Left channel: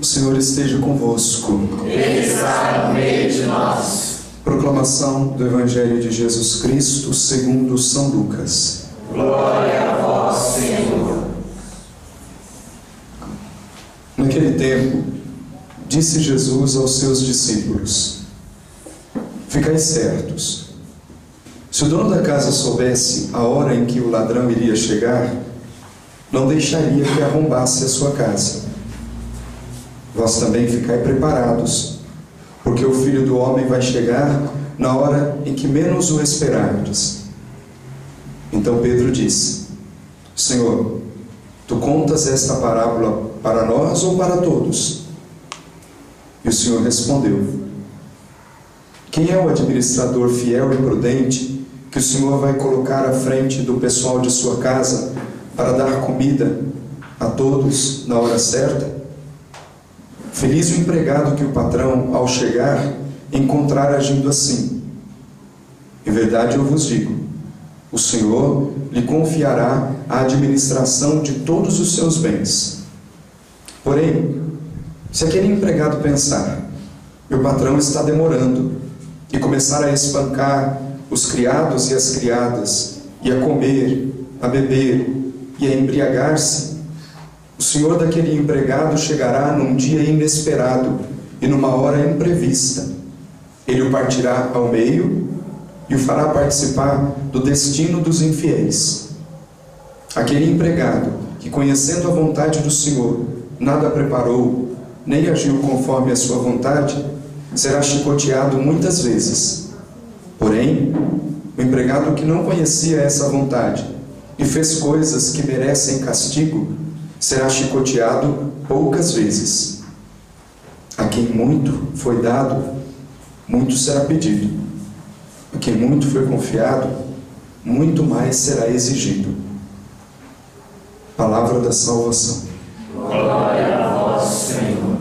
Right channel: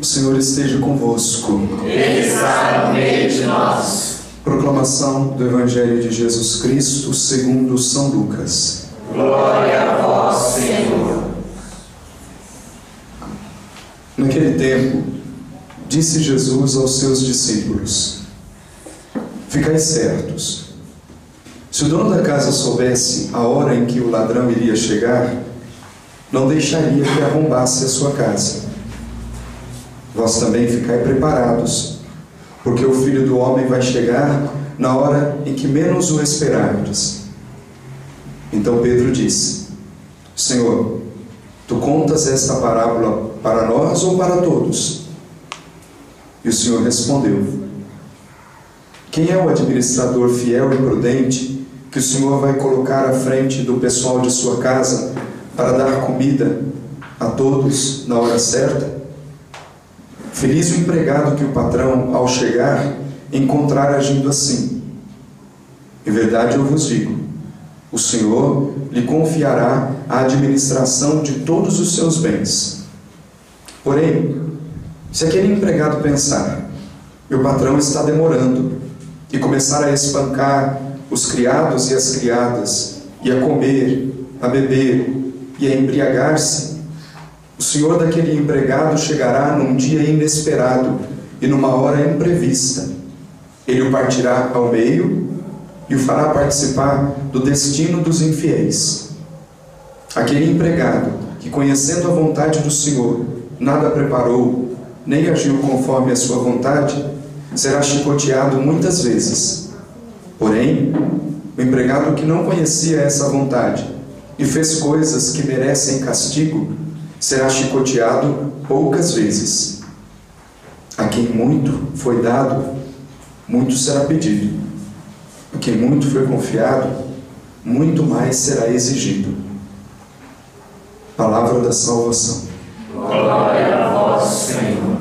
O Senhor esteja convosco. Ele está no meio de nós. Proclamação do Evangelho de Jesus Cristo segundo São Lucas. Glória a vós, Senhor. Naquele tempo, disse Jesus aos seus discípulos: Ficai certos, se o dono da casa soubesse a hora em que o ladrão iria chegar, não deixaria que arrombasse a sua casa. Vós também ficai preparados, porque o Filho do Homem vai chegar na hora em que menos o esperardes. Então Pedro disse: Senhor, tu contas esta parábola para nós ou para todos? E o Senhor respondeu: Quem é o administrador fiel e prudente que o Senhor vai colocar à frente do pessoal de sua casa para dar comida a todos na hora certa? Feliz o empregado que o patrão, ao chegar, encontrar agindo assim. Em verdade eu vos digo, o Senhor lhe confiará a administração de todos os seus bens. Porém, se aquele empregado pensar: meu patrão está demorando, e começar a espancar os criados e as criadas, e a comer, a beber e a embriagar-se, o senhor daquele empregado chegará num dia inesperado e numa hora imprevista. Ele o partirá ao meio e o fará participar do destino dos infiéis. Aquele empregado que, conhecendo a vontade do Senhor, nada preparou, nem agiu conforme a sua vontade, será chicoteado muitas vezes. Porém, o empregado que não conhecia essa vontade e fez coisas que merecem castigo, será chicoteado poucas vezes. A quem muito foi dado, muito será pedido. A quem muito foi confiado, muito mais será exigido. Palavra da salvação. Glória a vós, Senhor.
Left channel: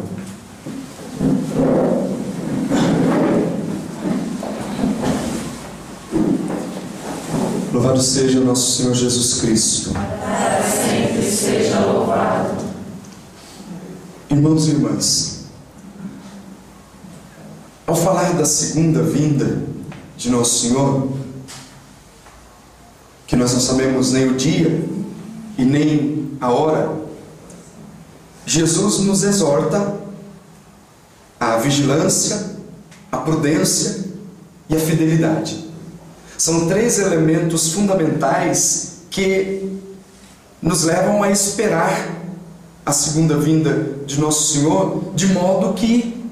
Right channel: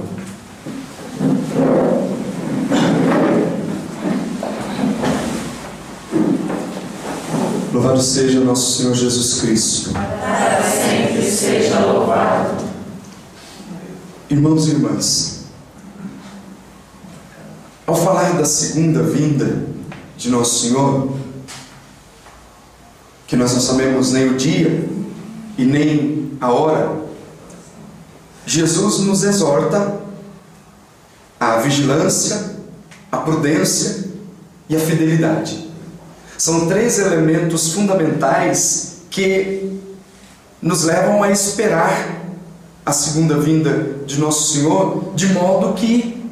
Louvado seja nosso Senhor Jesus Cristo. Para sempre seja louvado. Irmãos e irmãs, ao falar da segunda vinda de nosso Senhor, que nós não sabemos nem o dia e nem a hora, Jesus nos exorta à vigilância, à prudência e à fidelidade. São três elementos fundamentais que nos levam a esperar a segunda vinda de nosso Senhor, de modo que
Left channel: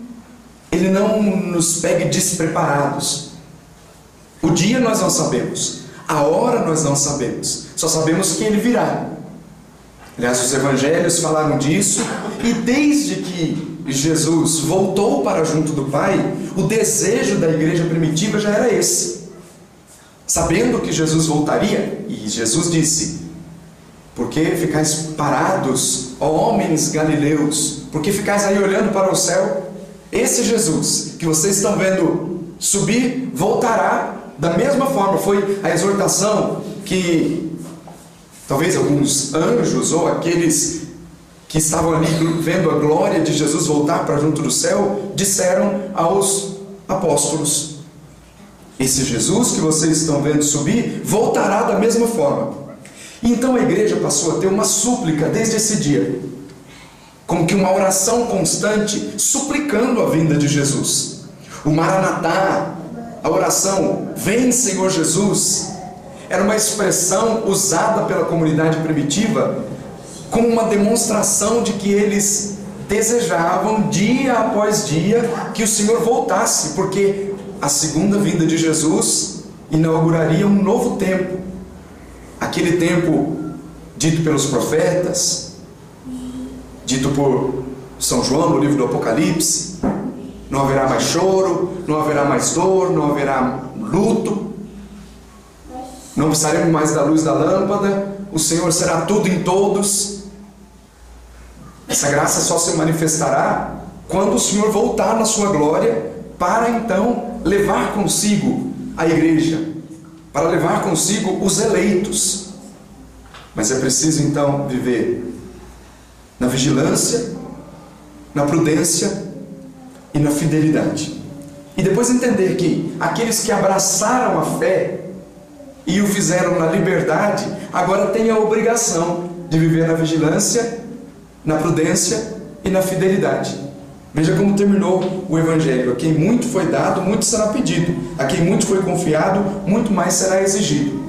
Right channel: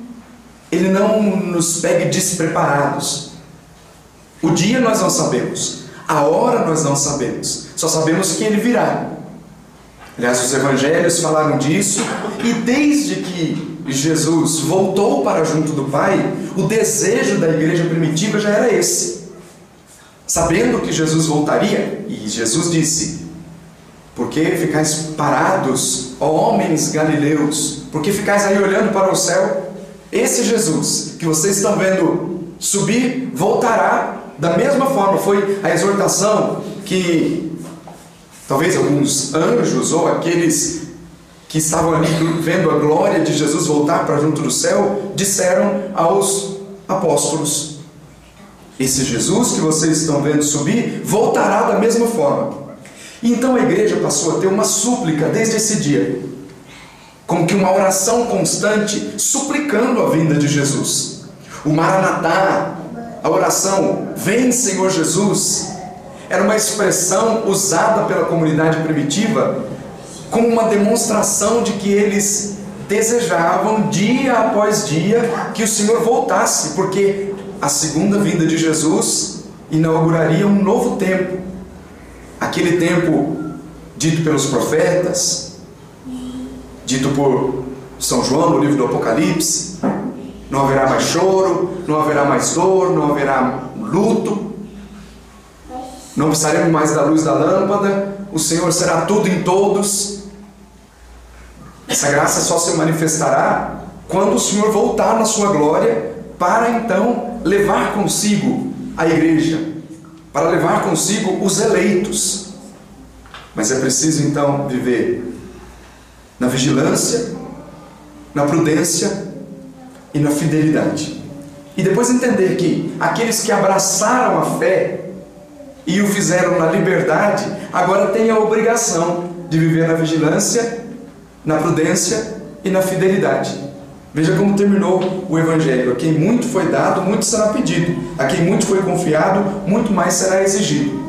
Ele não nos pegue despreparados. O dia nós não sabemos, a hora nós não sabemos, só sabemos que Ele virá. Aliás, os evangelhos falaram disso, e desde que Jesus voltou para junto do Pai, o desejo da igreja primitiva já era esse. Sabendo que Jesus voltaria, e Jesus disse: por que ficais parados, ó homens galileus? Por que ficais aí olhando para o céu? Esse Jesus que vocês estão vendo subir, voltará da mesma forma. Foi a exortação que talvez alguns anjos ou aqueles que estavam ali vendo a glória de Jesus voltar para junto do céu disseram aos apóstolos: esse Jesus que vocês estão vendo subir voltará da mesma forma. E então a igreja passou a ter uma súplica desde esse dia, como que uma oração constante, suplicando a vinda de Jesus. O Maranatá, a oração "Vem, Senhor Jesus", era uma expressão usada pela comunidade primitiva como uma demonstração de que eles desejavam dia após dia que o Senhor voltasse, porque a segunda vinda de Jesus inauguraria um novo tempo. Aquele tempo dito pelos profetas, dito por São João no livro do Apocalipse: não haverá mais choro, não haverá mais dor, não haverá luto, não precisaremos mais da luz da lâmpada, o Senhor será tudo em todos. Essa graça só se manifestará quando o Senhor voltar na sua glória, para então levar consigo a igreja, para levar consigo os eleitos. Mas é preciso então viver na vigilância, na prudência e na fidelidade. E depois entender que aqueles que abraçaram a fé e o fizeram na liberdade, agora têm a obrigação de viver na vigilância, na prudência e na fidelidade. Veja como terminou o Evangelho: a quem muito foi dado, muito será pedido; a quem muito foi confiado, muito mais será exigido.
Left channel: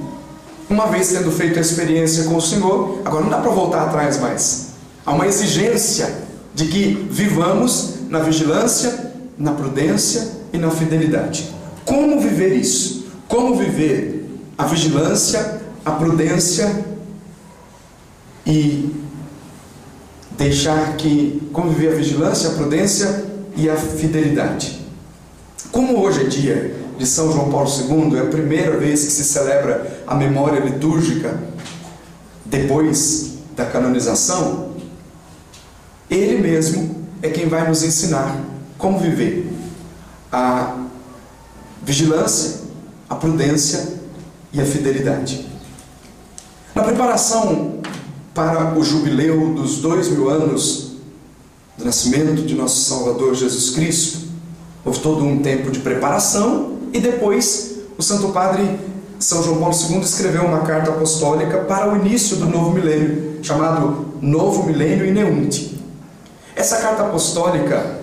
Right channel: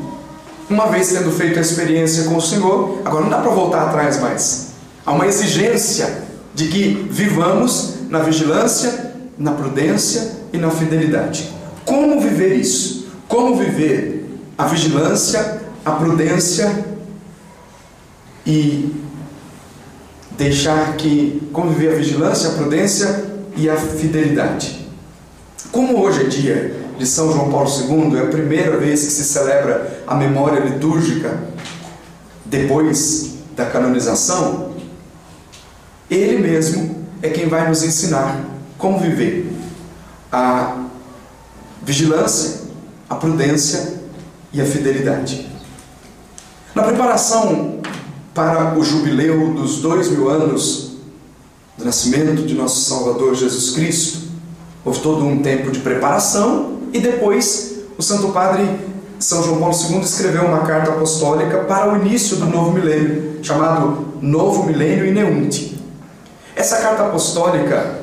Uma vez tendo feito a experiência com o Senhor, agora não dá para voltar atrás mais. Há uma exigência de que vivamos na vigilância, na prudência e na fidelidade. Como viver isso? Como viver a vigilância, a prudência e deixar que... Como viver a vigilância, a prudência e a fidelidade? Como hoje é dia de São João Paulo II, é a primeira vez que se celebra a memória litúrgica depois da canonização, ele mesmo é quem vai nos ensinar como viver a vigilância, a prudência e a fidelidade. Na preparação para o jubileu dos 2000 anos do nascimento de nosso Salvador Jesus Cristo, houve todo um tempo de preparação e depois o Santo Padre São João Paulo II escreveu uma carta apostólica para o início do novo milênio, chamado Novo Milênio Ineunte. Essa carta apostólica,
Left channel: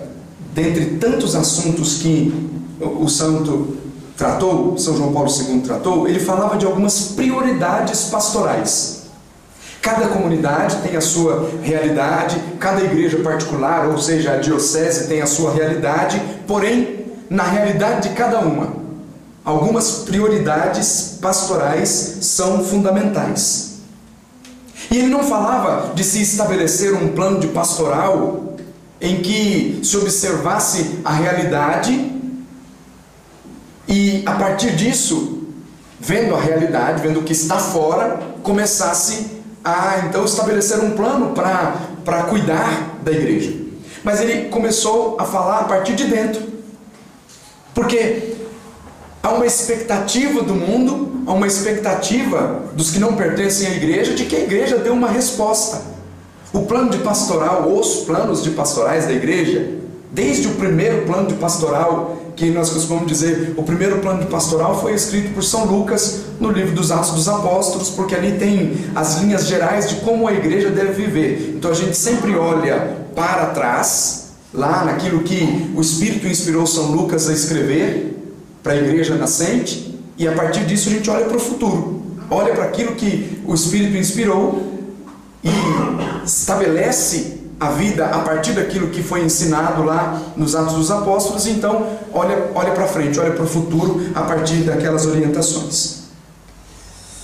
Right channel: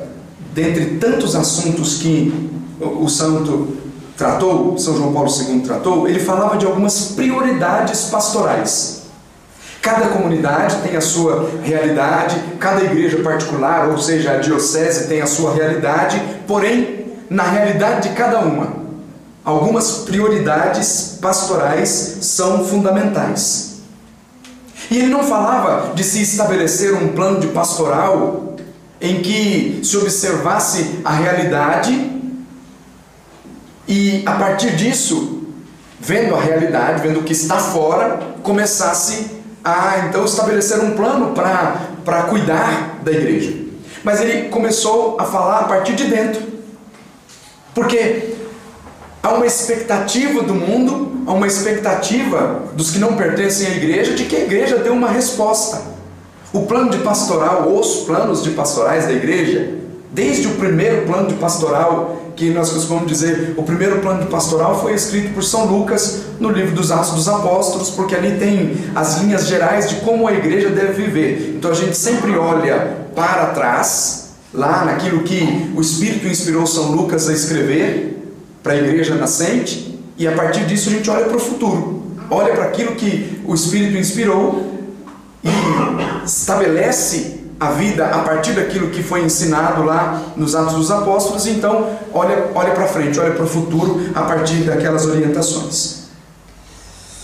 dentre tantos assuntos que o santo tratou, São João Paulo II tratou, ele falava de algumas prioridades pastorais. Cada comunidade tem a sua realidade, cada igreja particular, ou seja, a diocese tem a sua realidade, porém, na realidade de cada uma, algumas prioridades pastorais são fundamentais. E ele não falava de se estabelecer um plano de pastoral em que se observasse a realidade e, a partir disso, vendo a realidade, vendo o que está fora, começasse a então estabelecer um plano para cuidar da igreja. Mas ele começou a falar a partir de dentro, porque há uma expectativa do mundo, há uma expectativa dos que não pertencem à igreja de que a igreja dê uma resposta. O plano de pastoral, os planos de pastorais da igreja, desde o primeiro plano de pastoral, que nós costumamos dizer, o primeiro plano de pastoral foi escrito por São Lucas no livro dos Atos dos Apóstolos, porque ali tem as linhas gerais de como a igreja deve viver. Então a gente sempre olha para trás, lá naquilo que o Espírito inspirou São Lucas a escrever para a igreja nascente, e a partir disso a gente olha para o futuro, olha para aquilo que o Espírito inspirou e estabelece a vida a partir daquilo que foi ensinado lá nos Atos dos Apóstolos. E então olha para frente, olha para o futuro a partir daquelas orientações.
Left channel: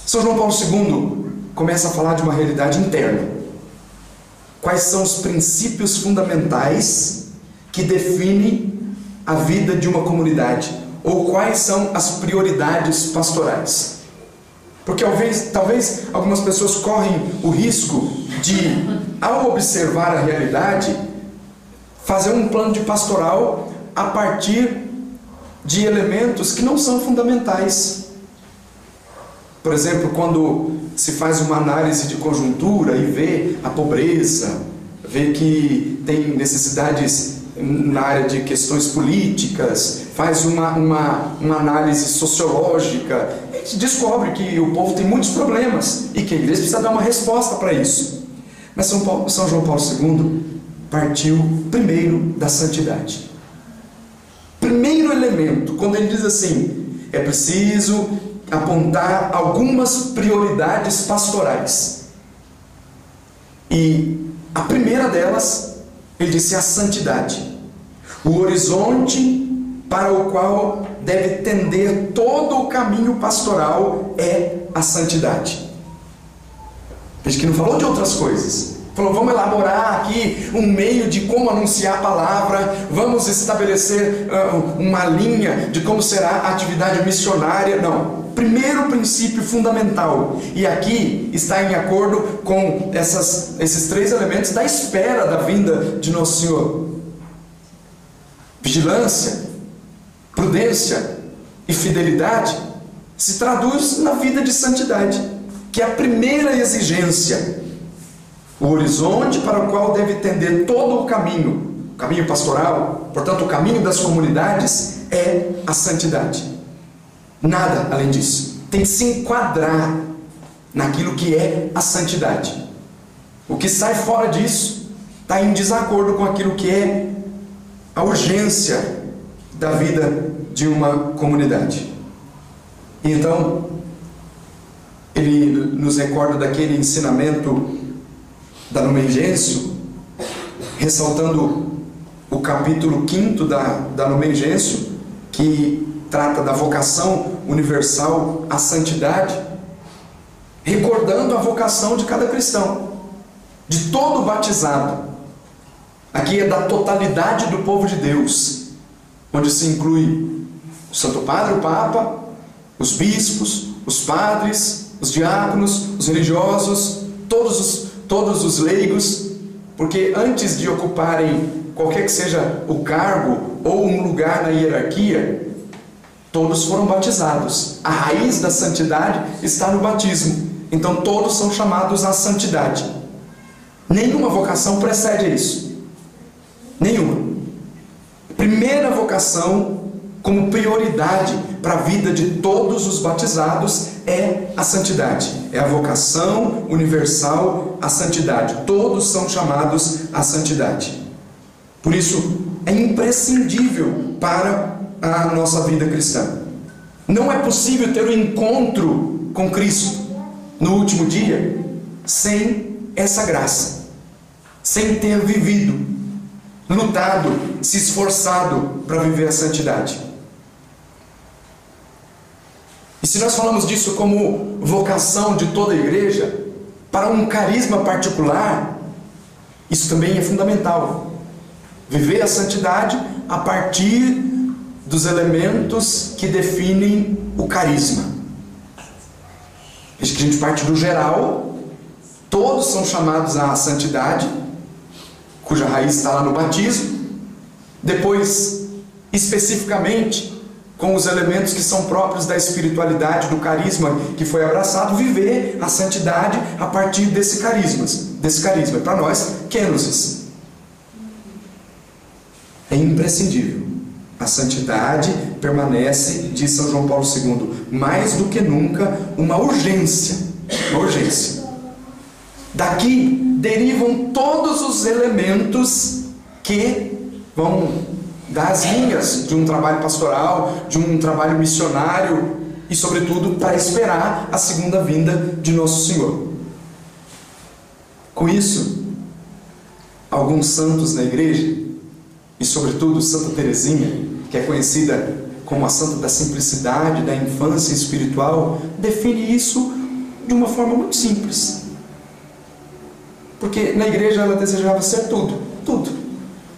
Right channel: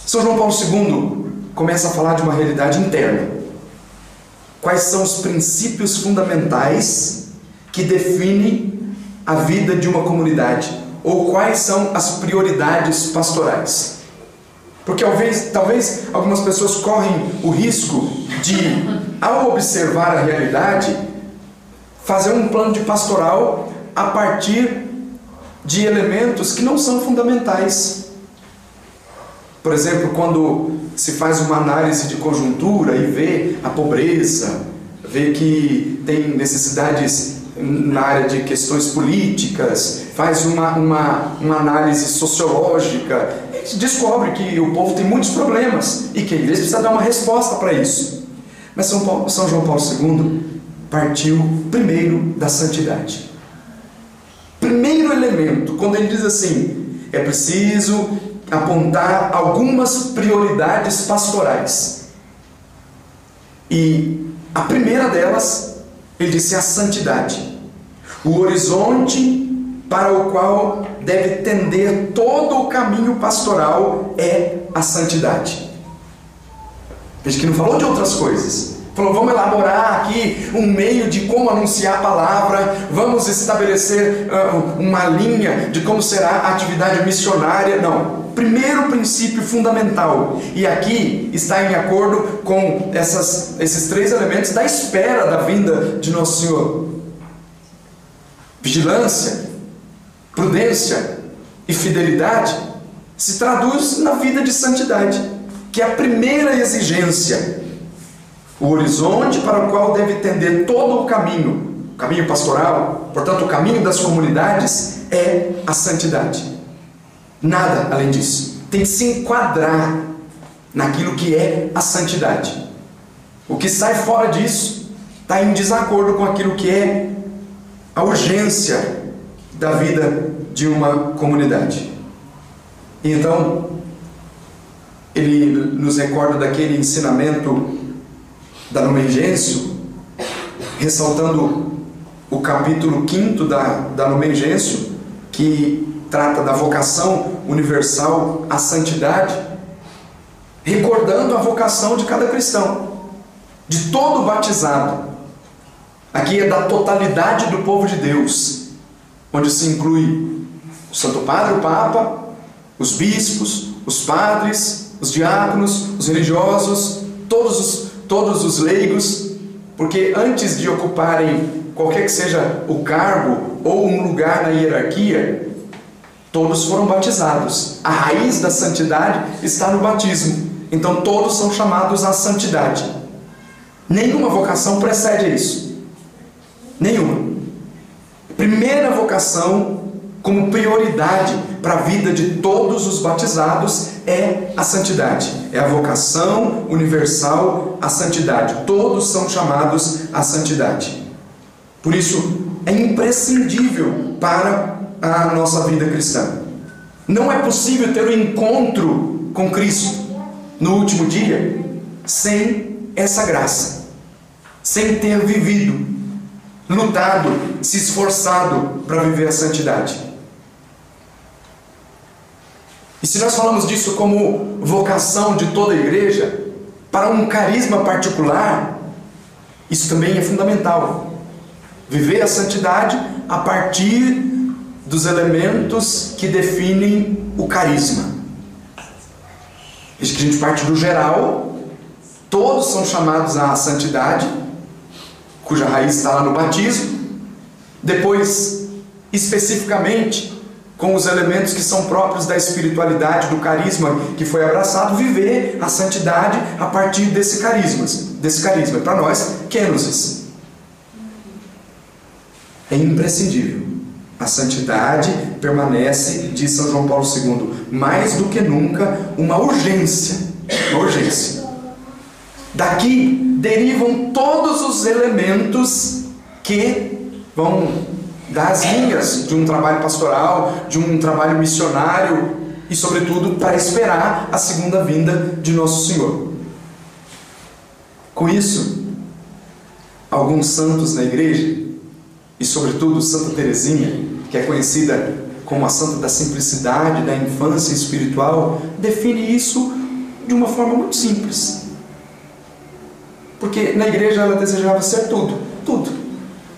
São João Paulo II começa a falar de uma realidade interna. Quais são os princípios fundamentais que definem a vida de uma comunidade, ou quais são as prioridades pastorais? Porque talvez algumas pessoas correm o risco de, ao observar a realidade, fazer um plano de pastoral a partir de elementos que não são fundamentais. Por exemplo, quando se faz uma análise de conjuntura e vê a pobreza, vê que tem necessidades na área de questões políticas, faz uma análise sociológica, a gente descobre que o povo tem muitos problemas e que a igreja precisa dar uma resposta para isso. Mas São João Paulo II partiu primeiro da santidade. Primeiro elemento, quando ele diz assim, é preciso apontar algumas prioridades pastorais. E a primeira delas, ele disse, a santidade. O horizonte para o qual deve tender todo o caminho pastoral é a santidade. Veja que não falou de outras coisas. Falou, vamos elaborar aqui um meio de como anunciar a palavra, vamos estabelecer uma linha de como será a atividade missionária. Não. Primeiro princípio fundamental, e aqui está em acordo com esses três elementos da espera da vinda de Nosso Senhor: vigilância, prudência e fidelidade, se traduz na vida de santidade, que é a primeira exigência. O horizonte para o qual deve tender todo o caminho o caminho pastoral, portanto o caminho das comunidades é a santidade. Nada além disso. Tem que se enquadrar naquilo que é a santidade. O que sai fora disso está em desacordo com aquilo que é a urgência da vida de uma comunidade. E então, ele nos recorda daquele ensinamento da Lumen Gentium, ressaltando o capítulo 5 da Lumen Gentium, que trata da vocação universal à santidade, recordando a vocação de cada cristão, de todo batizado. Aqui é da totalidade do povo de Deus, onde se inclui o Santo Padre, o Papa, os bispos, os padres, os diáconos, os religiosos, todos os leigos, porque antes de ocuparem qualquer que seja o cargo ou um lugar na hierarquia, todos foram batizados. A raiz da santidade está no batismo. Então todos são chamados à santidade. Nenhuma vocação precede a isso. Nenhuma. Primeira vocação, como prioridade para a vida de todos os batizados, é a santidade. É a vocação universal à santidade. Todos são chamados à santidade. Por isso, é imprescindível para a nossa vida cristã. Não é possível ter um encontro com Cristo no último dia sem essa graça, sem ter vivido, lutado, se esforçado para viver a santidade. E se nós falamos disso como vocação de toda a igreja, para um carisma particular, isso também é fundamental. Viver a santidade a partir dos elementos que definem o carisma. Veja que a gente parte do geral, todos são chamados à santidade, cuja raiz está lá no batismo. Depois, especificamente, com os elementos que são próprios da espiritualidade, do carisma que foi abraçado, viver a santidade a partir desse carisma. Para nós, kenosis. É imprescindível. A santidade permanece, diz São João Paulo II, mais do que nunca uma urgência. Uma urgência. Daqui derivam todos os elementos que vão dar as linhas de um trabalho pastoral, de um trabalho missionário e, sobretudo, para esperar a segunda vinda de Nosso Senhor. Com isso, alguns santos na igreja, e sobretudo Santa Teresinha, que é conhecida como a santa da simplicidade, da infância espiritual, define isso de uma forma muito simples. Porque na igreja ela desejava ser tudo, tudo.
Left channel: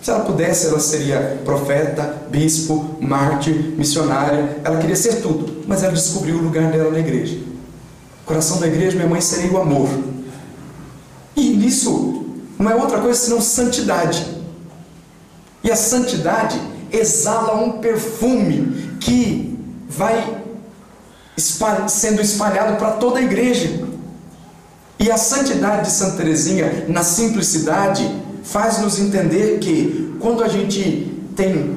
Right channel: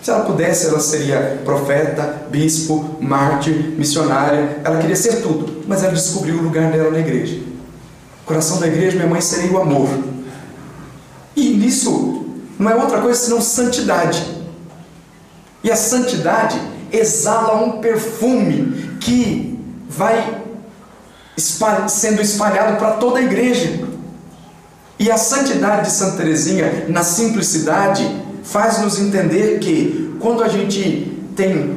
Se ela pudesse, ela seria profeta, bispo, mártir, missionária. Ela queria ser tudo, mas ela descobriu o lugar dela na igreja. O coração da igreja, minha mãe, seria o amor. E nisso não é outra coisa senão santidade. E a santidade exala um perfume que vai sendo espalhado para toda a igreja. E a santidade de Santa Teresinha, na simplicidade, faz-nos entender que quando a gente tem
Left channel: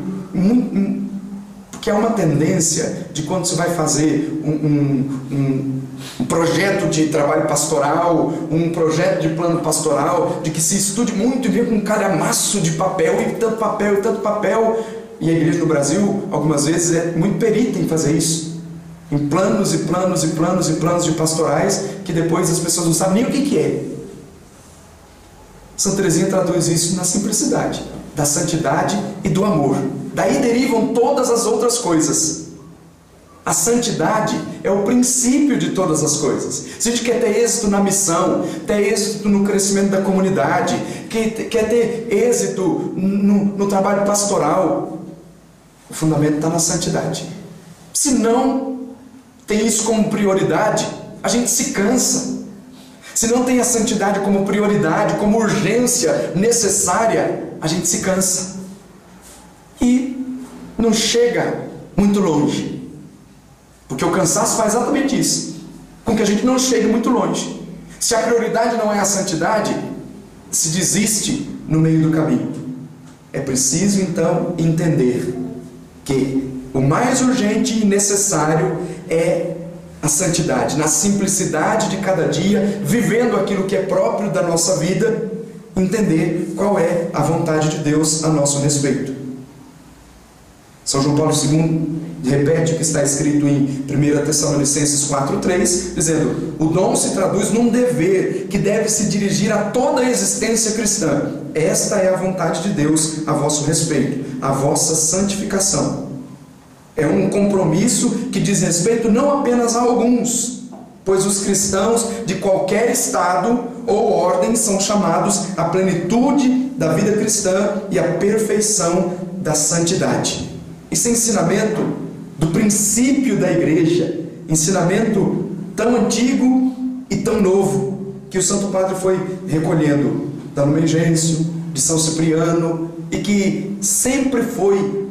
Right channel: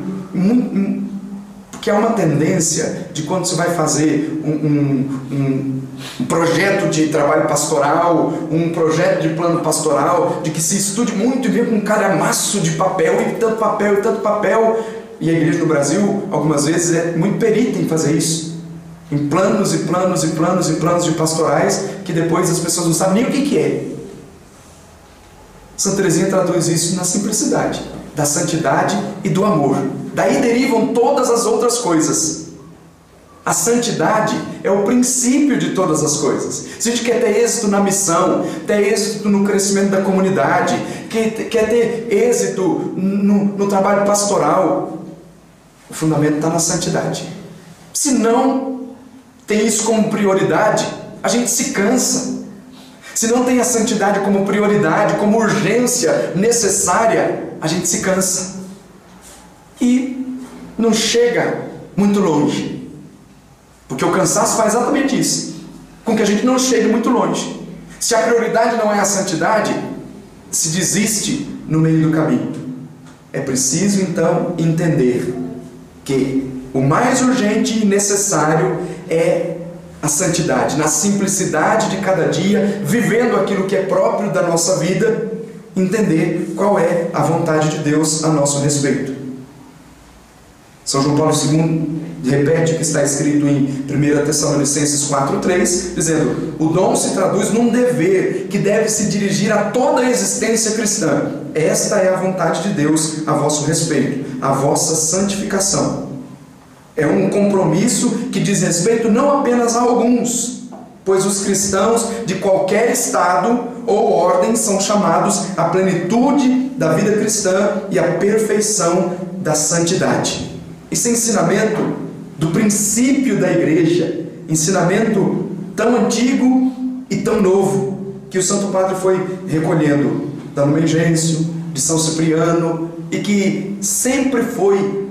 porque há uma tendência de quando você vai fazer um projeto de trabalho pastoral, um projeto de plano pastoral, de que se estude muito e vê com um calhamaço de papel e tanto papel e tanto papel. E a igreja no Brasil, algumas vezes, é muito perita em fazer isso, em planos e planos e planos e planos de pastorais, que depois as pessoas não sabem nem o que é. Santa Teresinha traduz isso na simplicidade, da santidade e do amor. Daí derivam todas as outras coisas. A santidade é o princípio de todas as coisas. Se a gente quer ter êxito na missão, ter êxito no crescimento da comunidade, quer ter êxito no trabalho pastoral, o fundamento está na santidade. Se não tem isso como prioridade, a gente se cansa. Se não tem a santidade como prioridade, como urgência necessária, a gente se cansa e não chega muito longe, porque o cansaço faz exatamente isso, com que a gente não chegue muito longe. Se a prioridade não é a santidade, se desiste no meio do caminho. é preciso então entender que o mais urgente e necessário é a santidade, na simplicidade de cada dia, vivendo aquilo que é próprio da nossa vida, entender qual é a vontade de Deus a nosso respeito. São João Paulo II repete o que está escrito em 1 Tessalonicenses 4,3, dizendo: o dom se traduz num dever que deve se dirigir a toda a existência cristã. Esta é a vontade de Deus a vosso respeito, a vossa santificação. É um compromisso que diz respeito não apenas a alguns, pois os cristãos de qualquer estado ou ordem são chamados à plenitude da vida cristã e à perfeição da santidade. Esse ensinamento do princípio da igreja, ensinamento tão antigo e tão novo, que o Santo Padre foi recolhendo da Lumen Gentium, de São Cipriano, e que sempre foi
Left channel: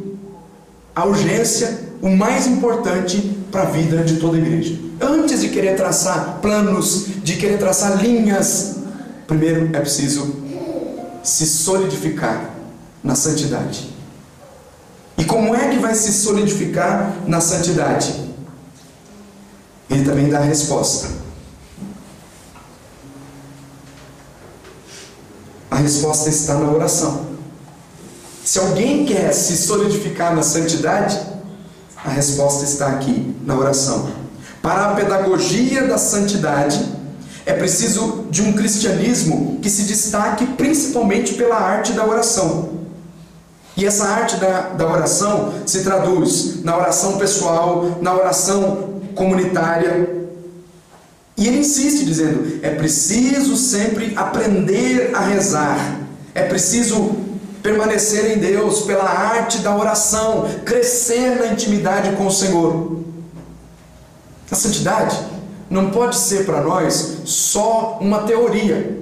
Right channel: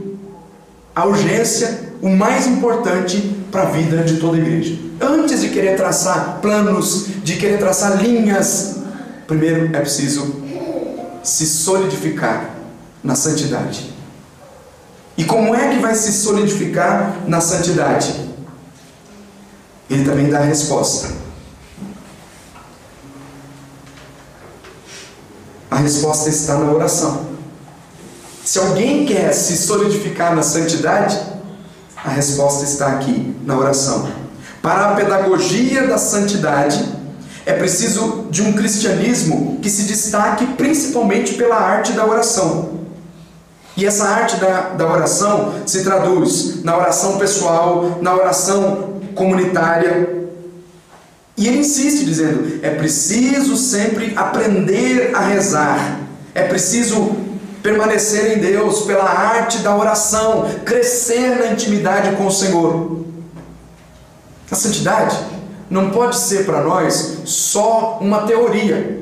a urgência, o mais importante para a vida de toda a igreja. Antes de querer traçar planos, de querer traçar linhas, primeiro é preciso se solidificar na santidade. E como é que vai se solidificar na santidade? Ele também dá a resposta. A resposta está na oração. Se alguém quer se solidificar na santidade, a resposta está aqui, na oração. Para a pedagogia da santidade, é preciso de um cristianismo que se destaque principalmente pela arte da oração. E essa arte da oração se traduz na oração pessoal, na oração comunitária. E ele insiste dizendo: é preciso sempre aprender a rezar, é preciso permanecer em Deus pela arte da oração, crescer na intimidade com o Senhor. A santidade não pode ser para nós só uma teoria.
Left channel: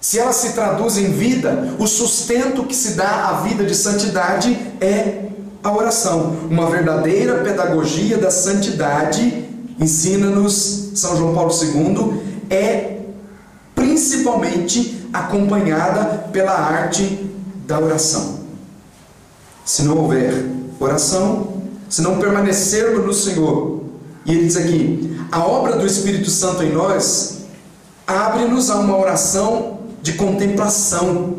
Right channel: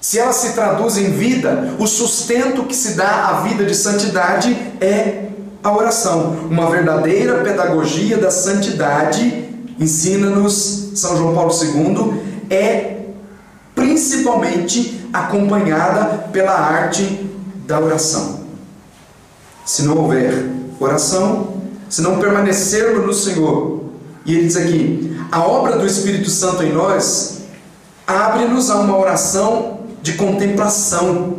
Se ela se traduz em vida, o sustento que se dá à vida de santidade é a oração. Uma verdadeira pedagogia da santidade, ensina-nos São João Paulo II, é principalmente acompanhada pela arte da oração. Se não houver oração, se não permanecermos no Senhor, e ele diz aqui, a obra do Espírito Santo em nós abre-nos a uma oração de contemplação.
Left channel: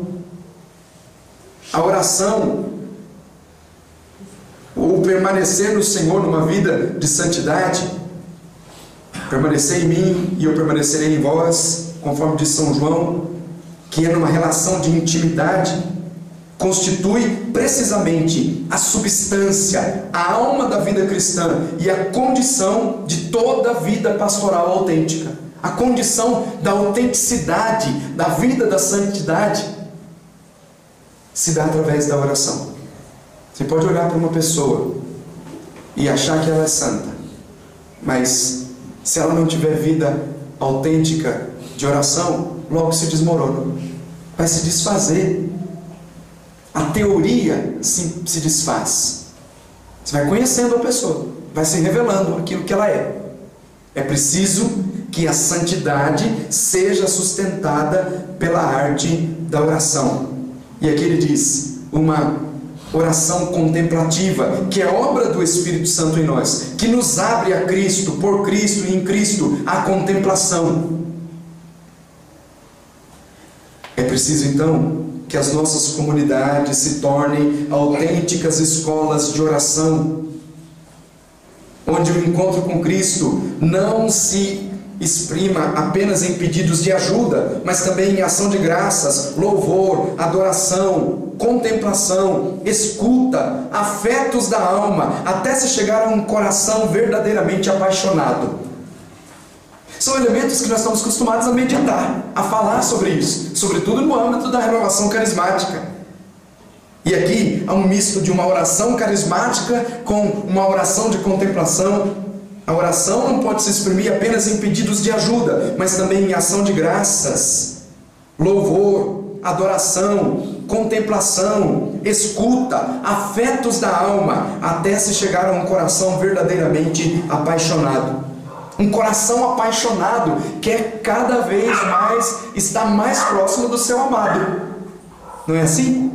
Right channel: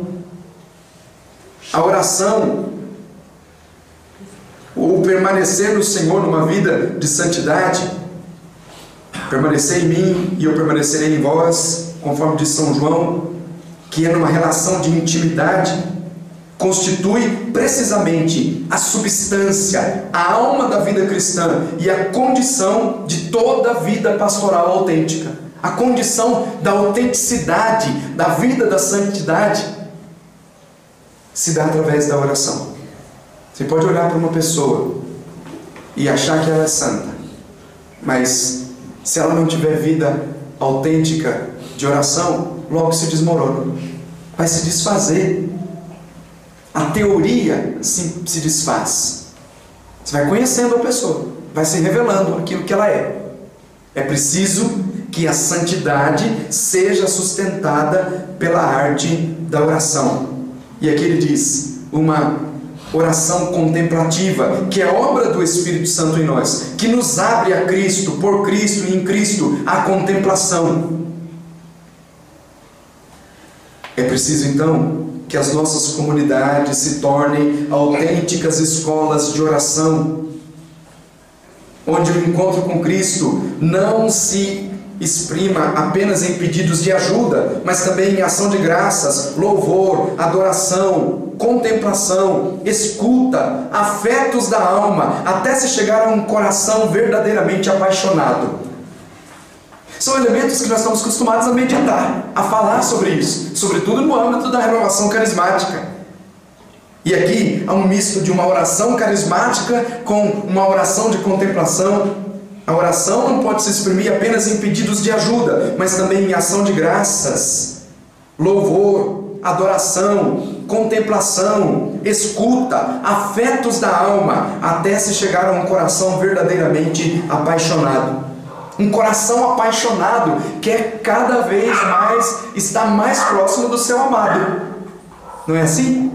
A oração, ou permanecer no Senhor numa vida de santidade, permanecer em mim e eu permanecerei em vós, conforme diz São João, que é numa relação de intimidade, constitui precisamente a substância, a alma da vida cristã e a condição de toda a vida pastoral autêntica. A condição da autenticidade, da vida da santidade, se dá através da oração. Você pode olhar para uma pessoa e achar que ela é santa, mas se ela não tiver vida autêntica de oração, logo se desmorona, vai se desfazer. A teoria se desfaz. Você vai conhecendo a pessoa, vai se revelando aquilo que ela é. É preciso que a santidade seja sustentada pela arte da oração. E aqui ele diz, uma oração contemplativa, que é obra do Espírito Santo em nós, que nos abre a Cristo, por Cristo e em Cristo, a contemplação. É preciso então que as nossas comunidades se tornem autênticas escolas de oração, onde o encontro com Cristo não se exprima apenas em pedidos de ajuda, mas também em ação de graças, louvor, adoração, contemplação, escuta, afetos da alma, até se chegar a um coração verdadeiramente apaixonado. São elementos que nós estamos acostumados a meditar, a falar sobre isso, sobretudo no âmbito da renovação carismática. E aqui há um misto de uma oração carismática com uma oração de contemplação. A oração não pode se exprimir apenas em pedidos de ajuda, mas também em ação de graças, louvor, adoração, contemplação, escuta, afetos da alma, até se chegar a um coração verdadeiramente apaixonado. Um coração apaixonado quer cada vez mais estar mais próximo do seu amado. Não é assim?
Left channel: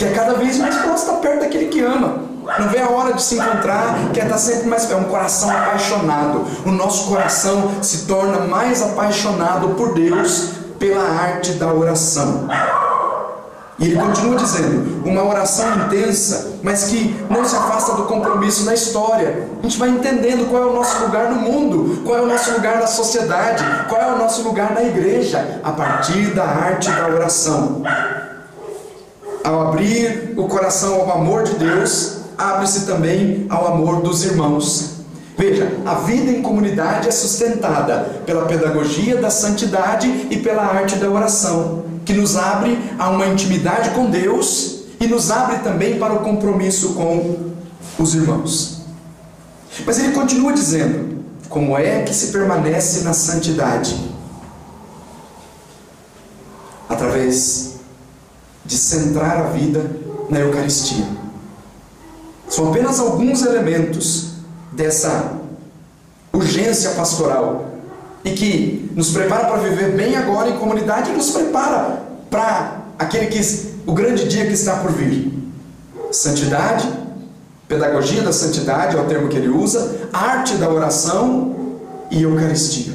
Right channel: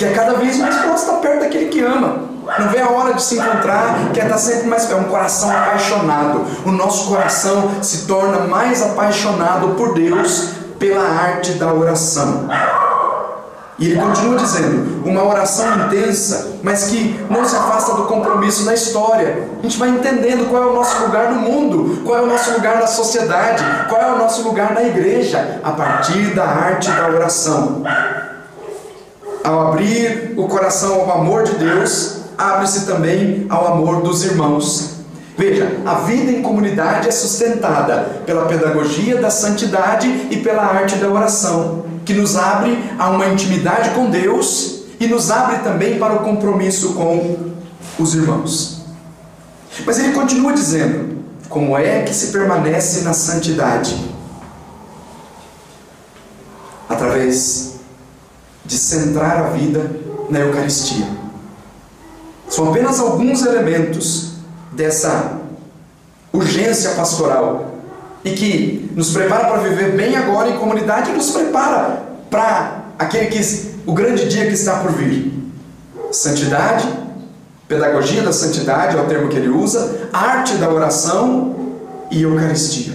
quer cada vez mais estar perto daquele que ama. Não vê a hora de se encontrar, quer estar sempre mais perto. É um coração apaixonado. O nosso coração se torna mais apaixonado por Deus pela arte da oração. E ele continua dizendo, uma oração intensa, mas que não se afasta do compromisso da história. A gente vai entendendo qual é o nosso lugar no mundo, qual é o nosso lugar na sociedade, qual é o nosso lugar na igreja, a partir da arte da oração. Ao abrir o coração ao amor de Deus, abre-se também ao amor dos irmãos. Veja, a vida em comunidade é sustentada pela pedagogia da santidade e pela arte da oração, que nos abre a uma intimidade com Deus e nos abre também para o compromisso com os irmãos. Mas ele continua dizendo, como é que se permanece na santidade? Através de centrar a vida na Eucaristia. São apenas alguns elementos dessa urgência pastoral e que nos prepara para viver bem agora em comunidade e nos prepara para o grande dia que está por vir. Santidade, pedagogia da santidade é o termo que ele usa, arte da oração e Eucaristia.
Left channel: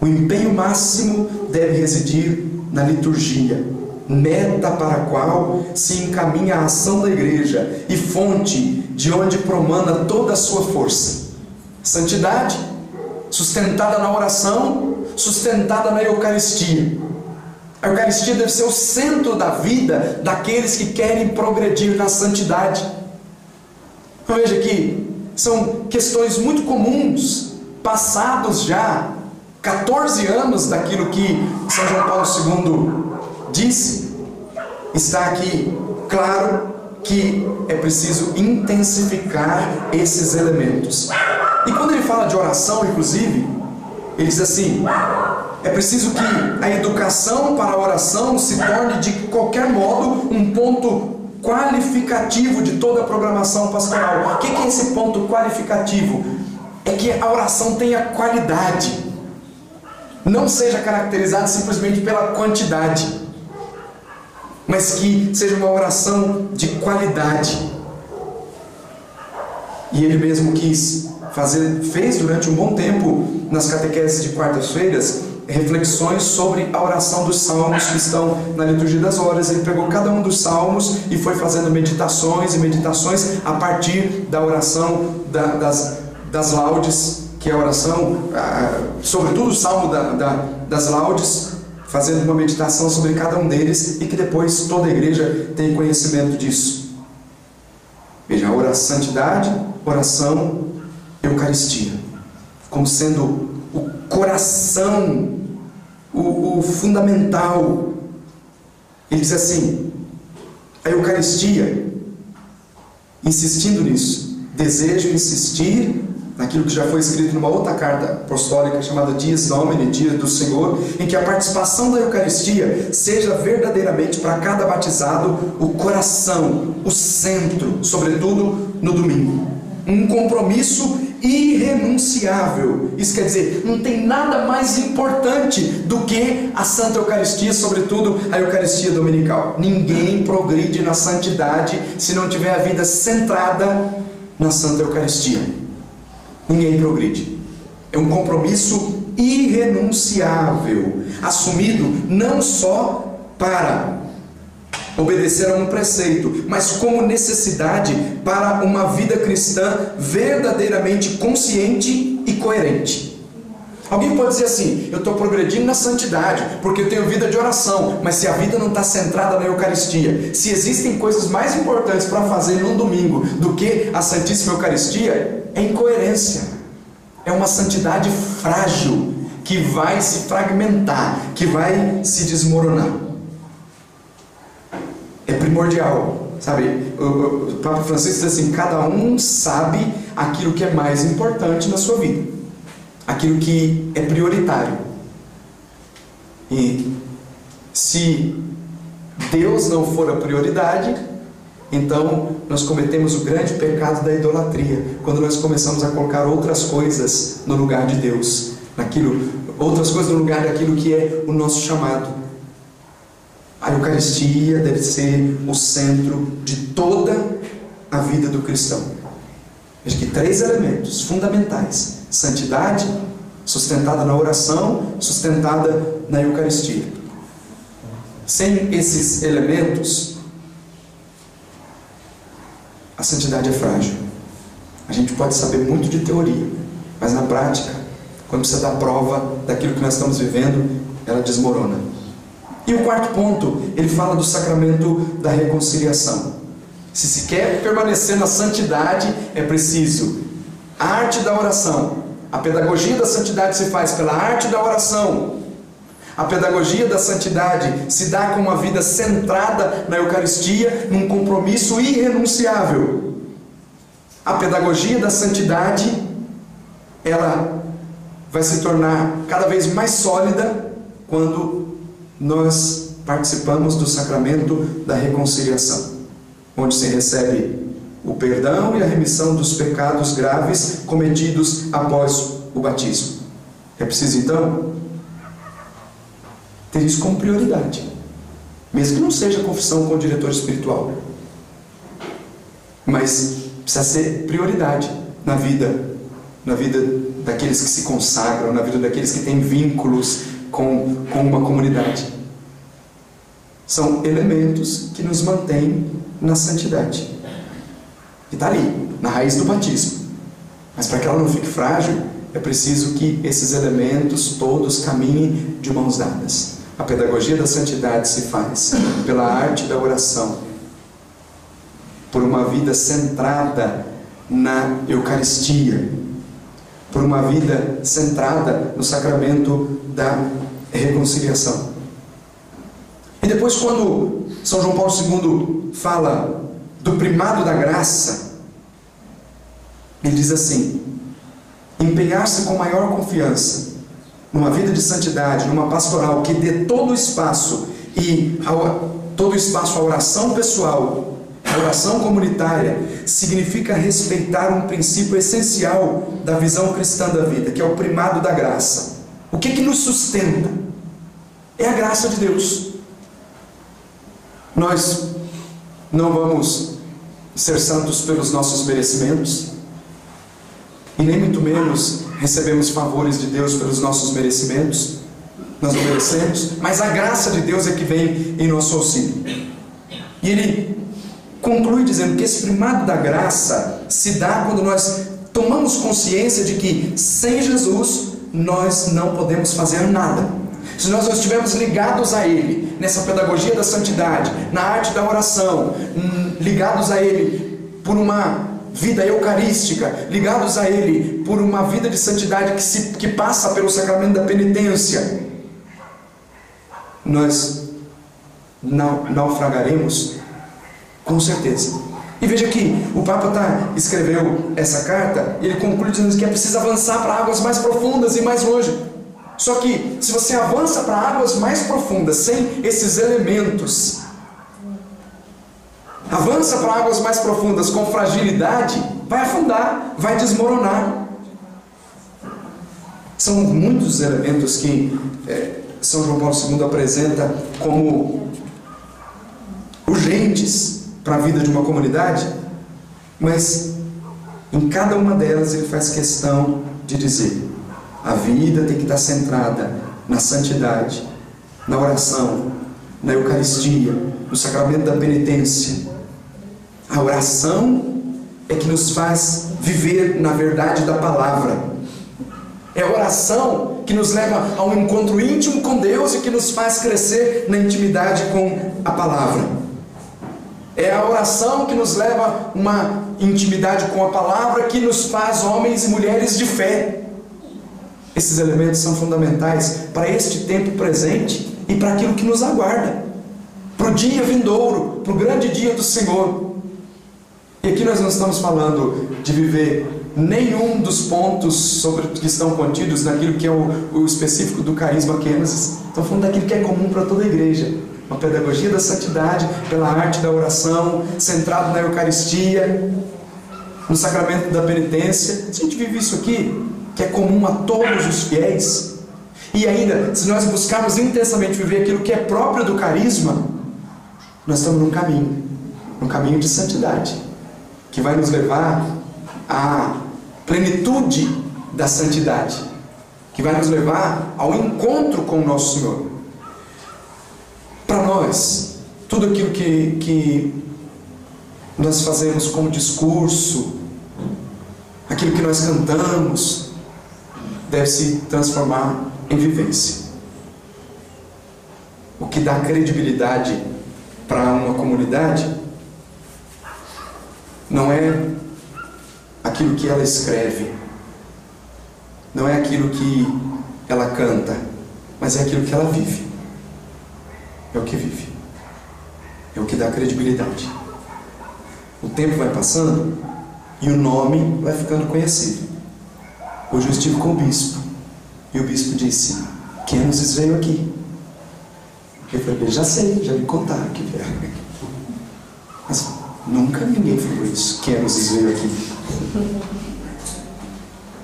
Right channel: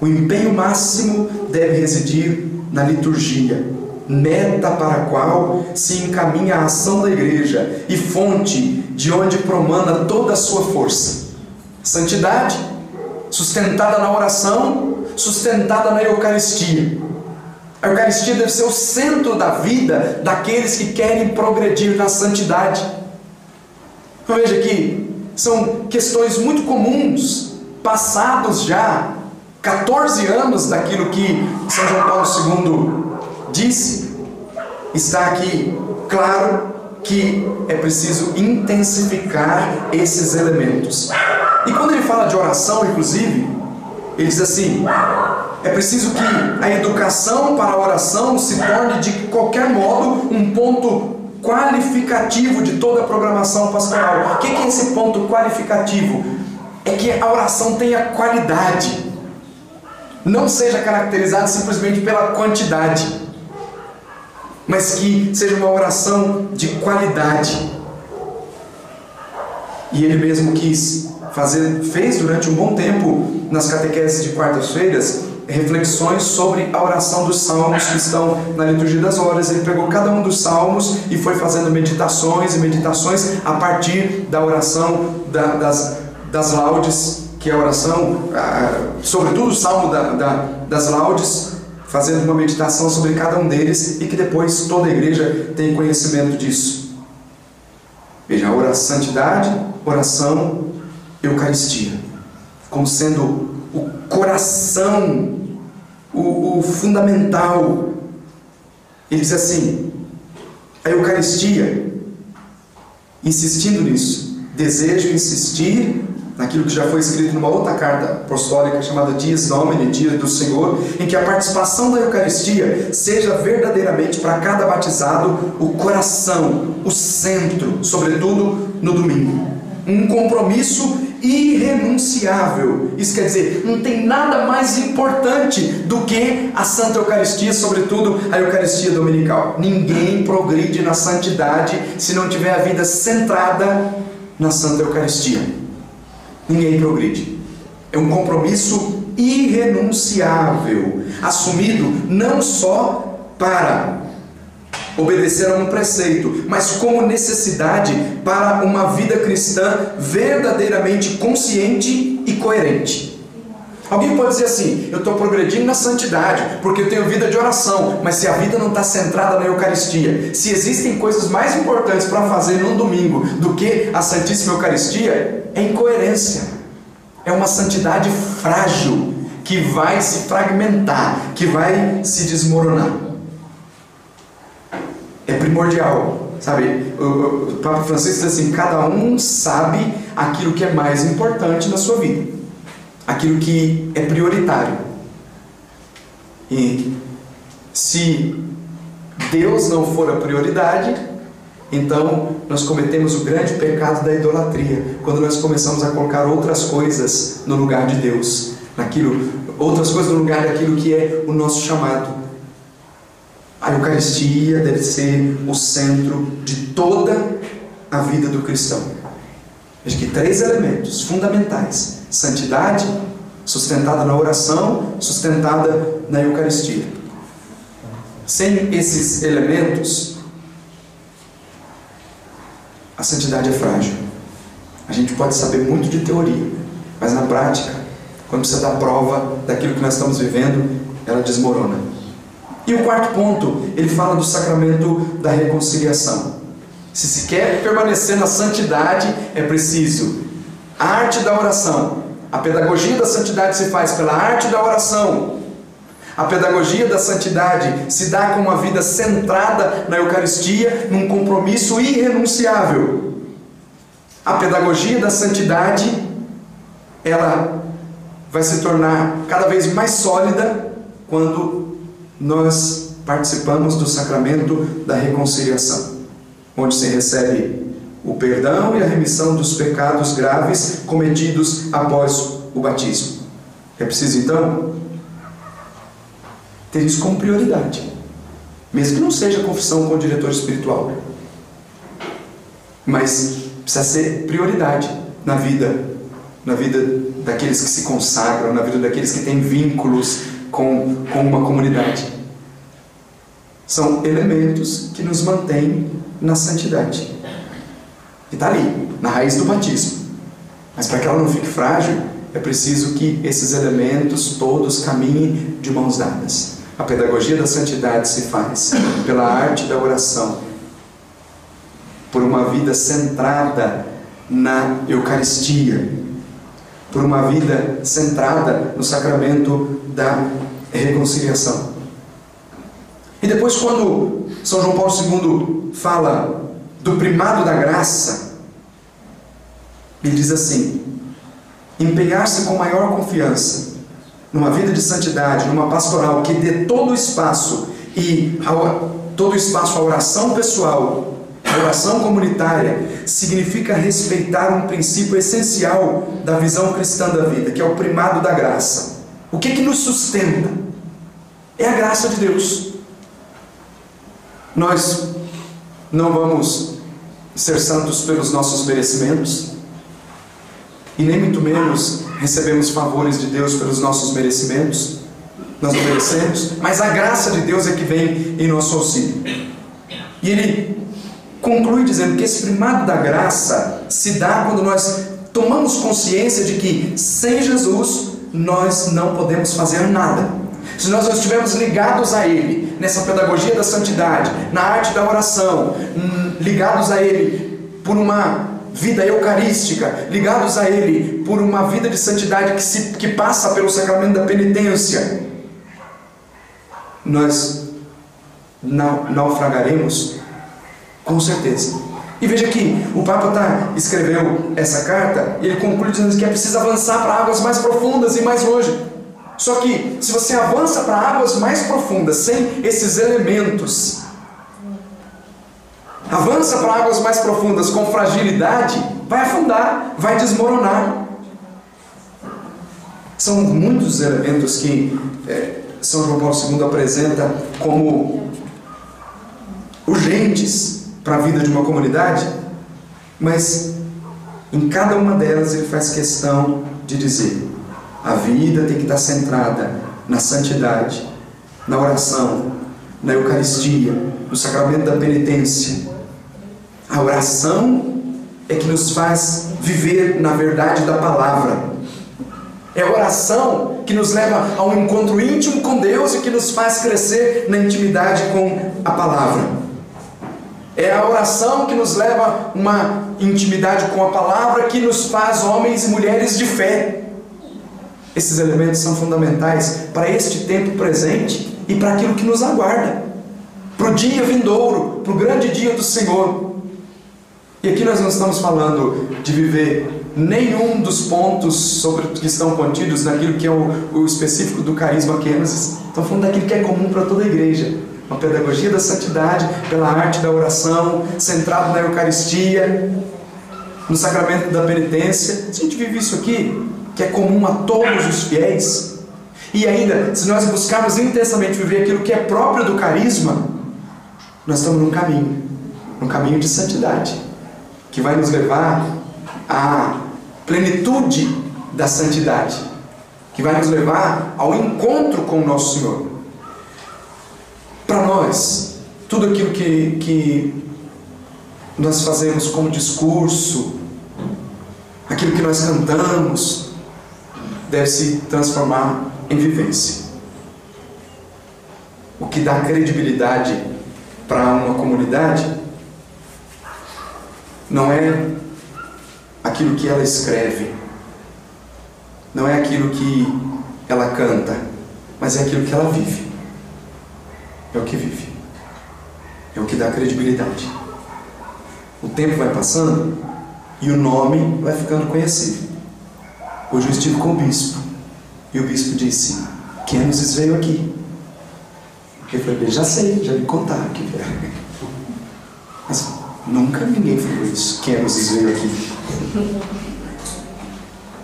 O empenho máximo deve residir na liturgia, meta para a qual se encaminha a ação da igreja e fonte de onde promana toda a sua força. Santidade, sustentada na oração, sustentada na Eucaristia. A Eucaristia deve ser o centro da vida daqueles que querem progredir na santidade. Então veja que são questões muito comuns, passados já 14 anos daquilo que São João Paulo II disse. Está aqui claro que é preciso intensificar esses elementos. E quando ele fala de oração, inclusive, ele diz assim, é preciso que a educação para a oração se torne de qualquer modo um ponto qualificativo de toda a programação pastoral. O que é esse ponto qualificativo? É que a oração tenha qualidade, não seja caracterizada simplesmente pela quantidade, mas que seja uma oração de qualidade. E ele mesmo fez durante um bom tempo nas catequeses de quartas-feiras reflexões sobre a oração dos salmos que estão na liturgia das horas. Ele pegou cada um dos salmos e foi fazendo meditações a partir da oração das laudes, que é a oração, sobretudo o salmo das laudes, fazendo uma meditação sobre cada um deles, e que depois toda a igreja tem conhecimento disso. Veja, a santidade, oração, Eucaristia, como sendo o coração, o fundamental. Ele diz assim, a Eucaristia, insistindo nisso, desejo insistir naquilo que já foi escrito numa outra carta apostólica chamada Dies Domini, Dia do Senhor, em que a participação da Eucaristia seja verdadeiramente para cada batizado o coração, o centro, sobretudo no domingo. Um compromisso irrenunciável. Isso quer dizer, não tem nada mais importante do que a Santa Eucaristia, sobretudo a Eucaristia Dominical. Ninguém progride na santidade se não tiver a vida centrada na Santa Eucaristia. Ninguém progride. É um compromisso irrenunciável, assumido não só para obedecer a um preceito, mas como necessidade para uma vida cristã verdadeiramente consciente e coerente. Alguém pode dizer assim, eu estou progredindo na santidade porque eu tenho vida de oração, mas se a vida não está centrada na Eucaristia, se existem coisas mais importantes para fazer num domingo do que a Santíssima Eucaristia, é incoerência, é uma santidade frágil, que vai se fragmentar, que vai se desmoronar. É primordial, sabe? O Papa Francisco diz assim, cada um sabe aquilo que é mais importante na sua vida, aquilo que é prioritário. E se Deus não for a prioridade, então nós cometemos o grande pecado da idolatria, quando nós começamos a colocar outras coisas no lugar de Deus, outras coisas no lugar daquilo que é o nosso chamado. A Eucaristia deve ser o centro de toda a vida do cristão. Veja que 3 elementos fundamentais: santidade, sustentada na oração, sustentada na Eucaristia. Sem esses elementos, a santidade é frágil. A gente pode saber muito de teoria, mas na prática, quando precisa dar prova daquilo que nós estamos vivendo, ela desmorona. E o 4º ponto, ele fala do sacramento da reconciliação. Se quer permanecer na santidade, é preciso a arte da oração. A pedagogia da santidade se faz pela arte da oração. A pedagogia da santidade se dá com uma vida centrada na Eucaristia, num compromisso irrenunciável. A pedagogia da santidade, ela vai se tornar cada vez mais sólida quando nós participamos do sacramento da reconciliação, onde se recebe o perdão e a remissão dos pecados graves cometidos após o batismo. É preciso então ter isso como prioridade, mesmo que não seja confissão com o diretor espiritual, mas precisa ser prioridade na vida daqueles que se consagram, na vida daqueles que têm vínculos com uma comunidade. São elementos que nos mantêm na santidade, que está ali, na raiz do batismo. Mas para que ela não fique frágil, é preciso que esses elementos todos caminhem de mãos dadas. A pedagogia da santidade se faz pela arte da oração, por uma vida centrada na Eucaristia, por uma vida centrada no sacramento da reconciliação. E depois, quando São João Paulo II fala do primado da graça, ele diz assim: empenhar-se com maior confiança numa vida de santidade, numa pastoral que dê todo o espaço à oração pessoal, à oração comunitária, significa respeitar um princípio essencial da visão cristã da vida, que é o primado da graça. O que nos sustenta? É a graça de Deus. Nós não vamos ser santos pelos nossos merecimentos, e nem muito menos recebemos favores de Deus pelos nossos merecimentos. Nós não merecemos, mas a graça de Deus é que vem em nosso auxílio. E ele conclui dizendo que esse primado da graça se dá quando nós tomamos consciência de que sem Jesus nós não podemos fazer nada. Se nós não estivermos ligados a Ele, nessa pedagogia da santidade, na arte da oração, ligados a Ele por uma vida eucarística, ligados a Ele por uma vida de santidade que passa pelo sacramento da penitência, nós naufragaremos com certeza. E veja que o Papa escreveu essa carta e ele conclui dizendo que é preciso avançar para águas mais profundas e mais longe. Só que se você avança para águas mais profundas sem esses elementos, avança para águas mais profundas com fragilidade, vai afundar, vai desmoronar. São muitos elementos que São João Paulo II apresenta como urgentes para a vida de uma comunidade, mas em cada uma delas ele faz questão de dizer: a vida tem que estar centrada na santidade, na oração, na Eucaristia, no sacramento da penitência. A oração é que nos faz viver na verdade da palavra. É a oração que nos leva a um encontro íntimo com Deus e que nos faz crescer na intimidade com a palavra. É a oração que nos leva a uma intimidade com a palavra que nos faz homens e mulheres de fé. Esses elementos são fundamentais para este tempo presente e para aquilo que nos aguarda, para o dia vindouro, para o grande dia do Senhor. E aqui nós não estamos falando de viver nenhum dos pontos que estão contidos naquilo que é o específico do carisma Kênesis. Estamos falando daquilo que é comum para toda a igreja. Uma pedagogia da santidade pela arte da oração, centrado na Eucaristia, no sacramento da penitência. Se a gente vive isso aqui, que é comum a todos os fiéis, e ainda, se nós buscarmos intensamente viver aquilo que é próprio do carisma, nós estamos num caminho de santidade, que vai nos levar à plenitude da santidade, que vai nos levar ao encontro com o nosso Senhor. Para nós, tudo aquilo que nós fazemos como discurso, aquilo que nós cantamos, deve se transformar em vivência. O que dá credibilidade para uma comunidade não é aquilo que ela escreve, não é aquilo que ela canta, mas é aquilo que ela vive. É o que vive, é o que dá credibilidade. O tempo vai passando e o nome vai ficando conhecido. Hoje eu estive com o bispo e o bispo disse: Kenosis veio aqui. Eu falei: já sei, já me contaram que veio. Mas nunca ninguém falou isso. Kenosis veio aqui.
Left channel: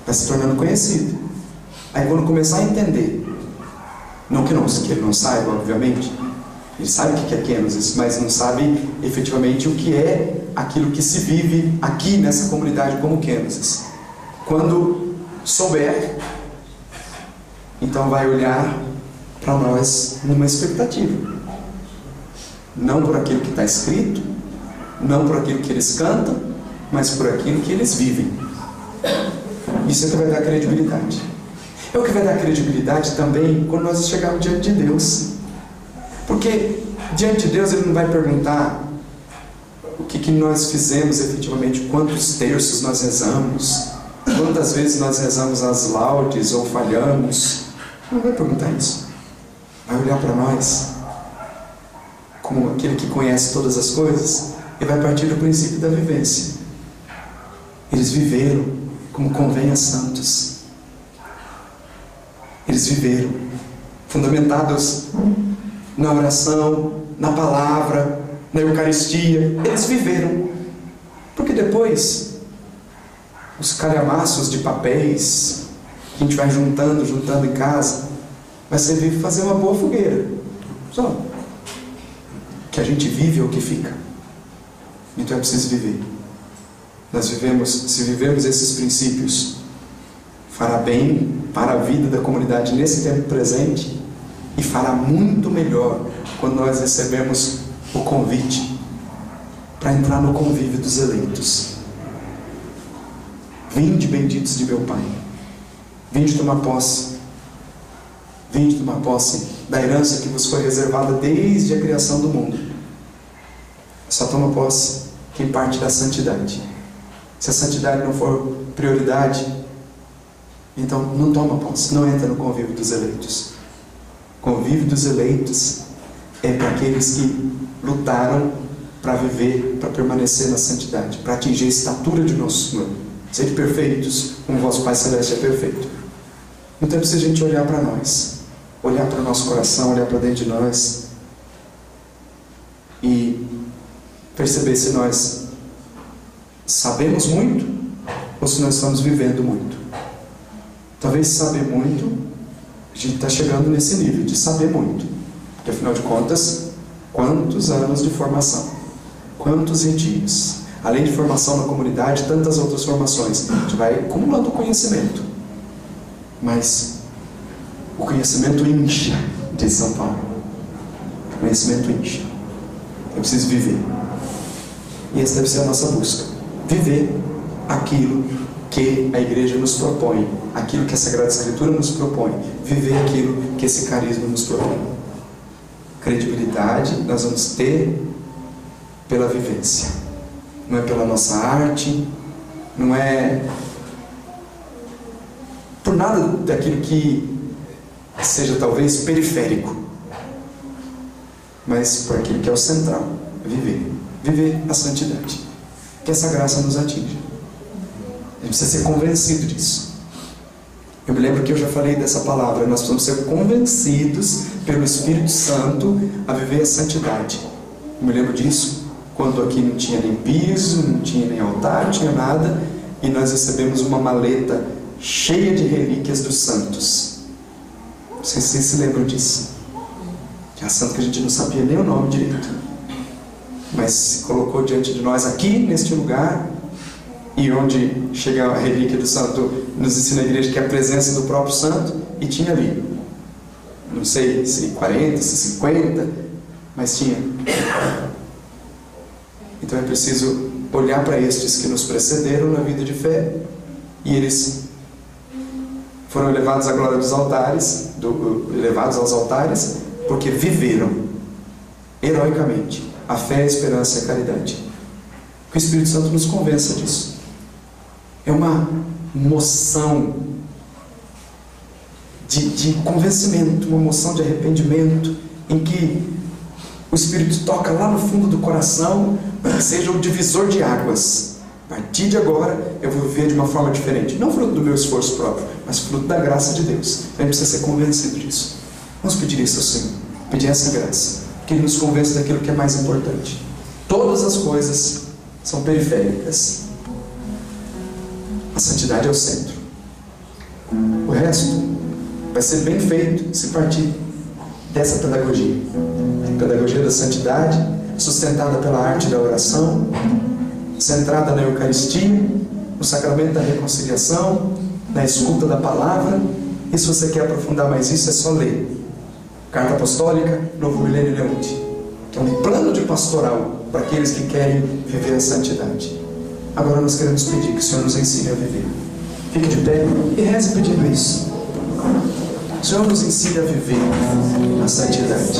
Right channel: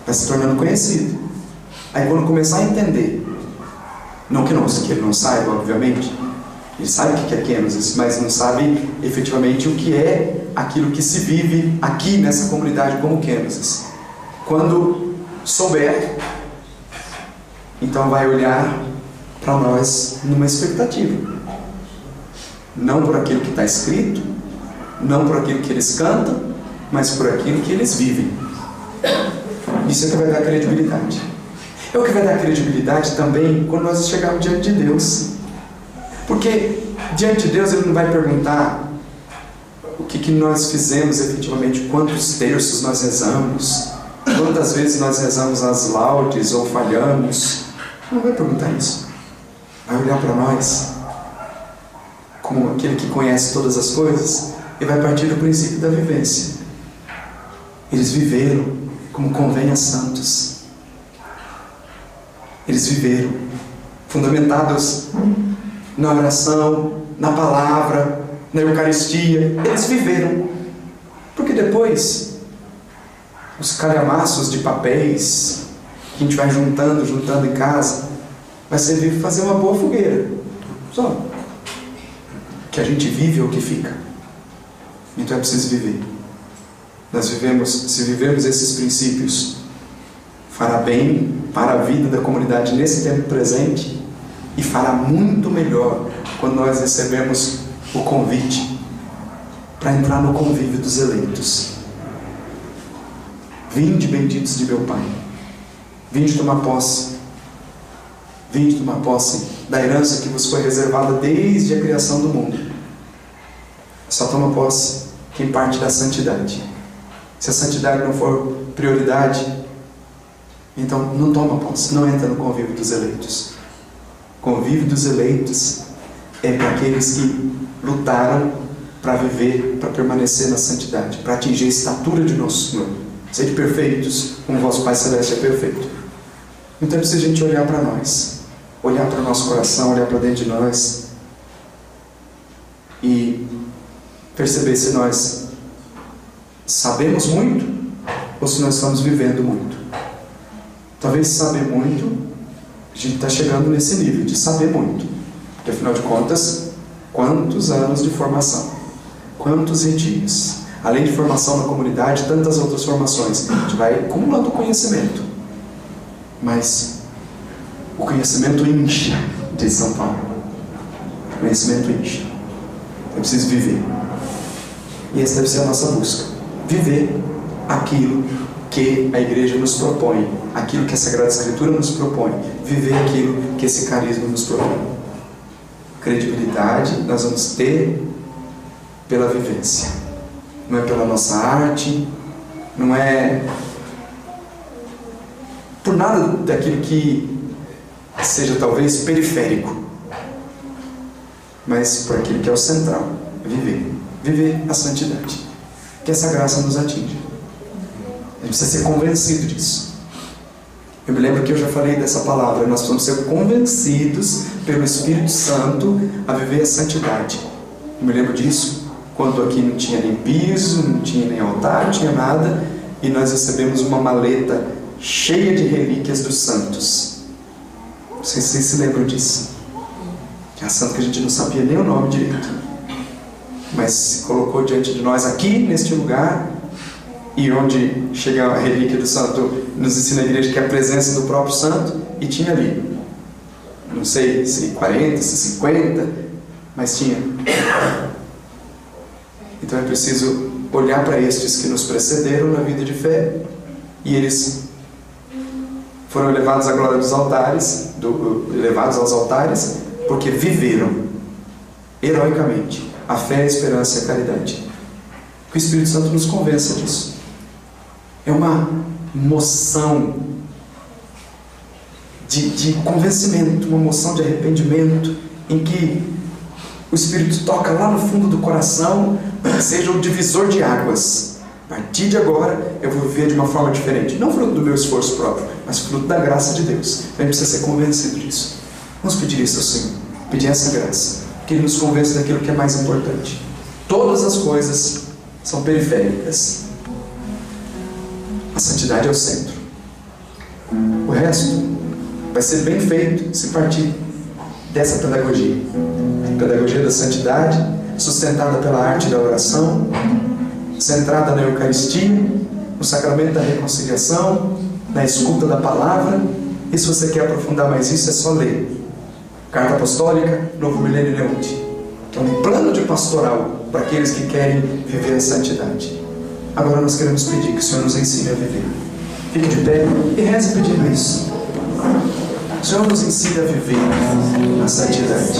Vai se tornando conhecido. Aí quando começar a entender, não que ele não saiba, obviamente, ele sabe o que é Kenosis, mas não sabe efetivamente o que é aquilo que se vive aqui nessa comunidade como Kenosis. Quando souber, então vai olhar para nós numa expectativa, não por aquilo que está escrito, não por aquilo que eles cantam, mas por aquilo que eles vivem. Isso é que vai dar credibilidade. É o que vai dar credibilidade também quando nós chegarmos diante de Deus, porque diante de Deus Ele não vai perguntar o que nós fizemos efetivamente, quantos terços nós rezamos, quantas vezes nós rezamos as laudes ou falhamos. Não vai perguntar isso. Vai olhar para nós como aquele que conhece todas as coisas e vai partir do princípio da vivência. Eles viveram como convém a santos. Eles viveram fundamentados na oração, na palavra, na Eucaristia. Eles viveram, porque depois os calhamaços de papéis que a gente vai juntando em casa vai servir para fazer uma boa fogueira. Só o que a gente vive é o que fica. Então é preciso viver. Se vivemos esses princípios, fará bem para a vida da comunidade nesse tempo presente e fará muito melhor quando nós recebemos o convite para entrar no convívio dos eleitos. Vinde, benditos de meu Pai, vinde tomar posse, vinde tomar posse da herança que vos foi reservada desde a criação do mundo. Só toma posse quem parte da santidade. Se a santidade não for prioridade, então não toma posse, não entra no convívio dos eleitos. O convívio dos eleitos é para aqueles que lutaram para viver, para permanecer na santidade, para atingir a estatura de nosso Senhor. Sede perfeitos, como vosso Pai Celeste é perfeito. Então é preciso a gente olhar para nós, olhar para o nosso coração, olhar para dentro de nós e perceber se nós sabemos muito ou se nós estamos vivendo muito. Talvez saber muito, a gente está chegando nesse nível de saber muito, porque afinal de contas, quantos anos de formação, quantos retiros, além de formação na comunidade, tantas outras formações, a gente vai acumulando conhecimento, mas o conhecimento incha, diz São Paulo. O conhecimento incha. Eu preciso viver, e essa deve ser a nossa busca, viver aquilo que a igreja nos propõe, aquilo que a Sagrada Escritura nos propõe, viver aquilo que esse carisma nos propõe. Credibilidade nós vamos ter pela vivência, não é pela nossa arte, não é por nada daquilo que seja talvez periférico, mas por aquilo que é o central, viver a santidade, que essa graça nos atinja. A gente precisa ser convencido disso. Eu me lembro que eu já falei dessa palavra. Nós precisamos ser convencidos pelo Espírito Santo a viver a santidade. Eu me lembro disso quando aqui não tinha nem piso, não tinha nem altar, não tinha nada, e nós recebemos uma maleta cheia de relíquias dos santos. Não sei se vocês se lembram disso. Que é a santa que a gente não sabia nem o nome direito. mas se colocou diante de nós aqui, neste lugar, e onde chega a relíquia do santo, nos ensina a igreja que é a presença do próprio santo, e tinha ali, não sei se 40, se 50, mas tinha. Então é preciso olhar para estes que nos precederam na vida de fé, e eles foram levados à glória dos altares, levados aos altares, porque viveram heroicamente a fé, a esperança e a caridade. Que o Espírito Santo nos convença disso. É uma moção de convencimento, uma moção de arrependimento, em que o Espírito toca lá no fundo do coração, para que seja o divisor de águas. A partir de agora eu vou viver de uma forma diferente, não fruto do meu esforço próprio, mas fruto da graça de Deus. A gente precisa ser convencido disso. Vamos pedir isso ao Senhor, pedir essa graça, que Ele nos convença daquilo que é mais importante. Todas as coisas são periféricas, a santidade é o centro. O resto vai ser bem feito se partir dessa pedagogia, pedagogia da santidade, sustentada pela arte da oração, centrada na Eucaristia, no sacramento da reconciliação, na escuta da palavra. E se você quer aprofundar mais isso, é só ler Carta Apostólica, Novo Milênio Leonte, que é um plano de pastoral para aqueles que querem viver a santidade. Agora nós queremos pedir que o Senhor nos ensine a viver. Fique de pé e reze pedindo isso. O Senhor nos ensine a viver a santidade.